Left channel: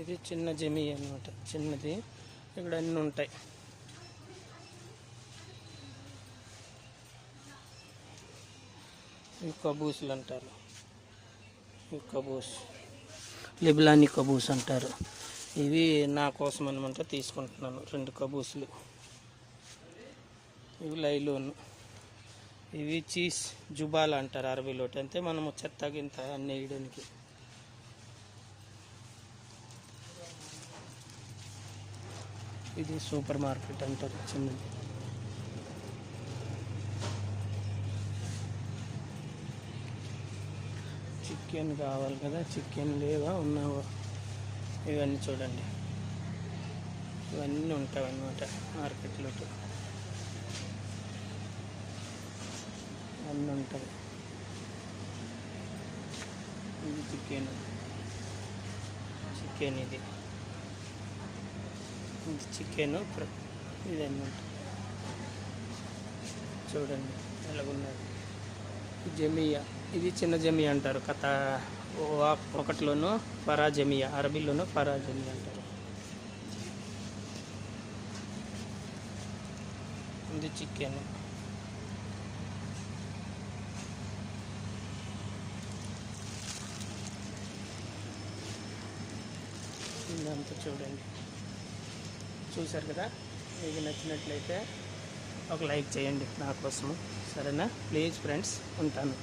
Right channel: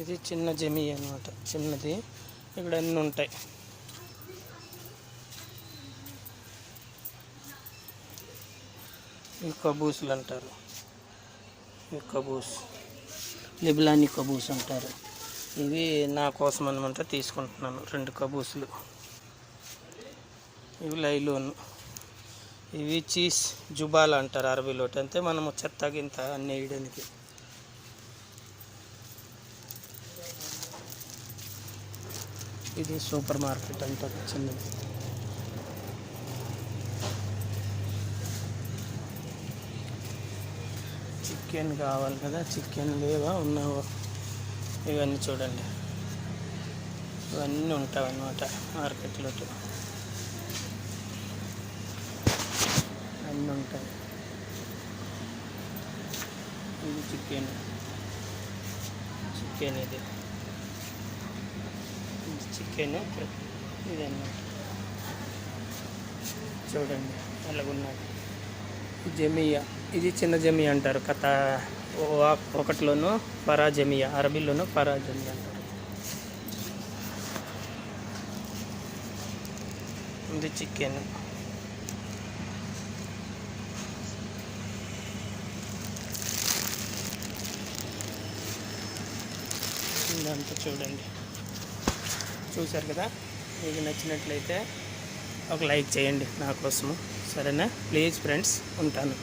ఇది చిన్న జమి అనమాట, చిన్నది. ఇక్కడ అన్నీ ఉంటాయి. ఈ కబూసులు అంటారు, ఈ కబూస్ లిబ్లానీ కబూస్ అంటారు. ఇవి నా కోసం అనమాట తీసుకుంటున్నాను, 2 కబూసులు. ఇవి లైలోన్, ఇవి చీజ్ జుబాల్ అంటారు అరబీలో. అంటే మనము చెత్త గింత అన్నీ వేయడానికి. ఇది సూపర్ మార్కెట్ అంటారు, చిన్నది. చికెన్ కావాలి కదా, చికెన్ లేవా, ఉన్నావా? ఇవన్నీ చూడండి, ఇవన్నీ ఉంటాయి అన్నమాట మార్కెట్లో. అన్నీ ఉంటాయి. ఇది చికెన్, ఇది చికెన్, ఇదన్నమాట. చూడండి ఎలాగున్నాయి. జమియా, ఇది చిన్న జమియా అంటారు. ఒకటిలోనూ ఫరా జమియా, అరబీలోనూ ఫరా జమియా అంటారు. ఇది చికెన్. ఇదంతా చూడండి, చూశారు కదా. మీకు నచ్చినట్లయితే ఒక లైక్ చేయండి నా కోసము, సరేనా? ప్లీజ్ ఫ్రెండ్స్, ఉంటాను.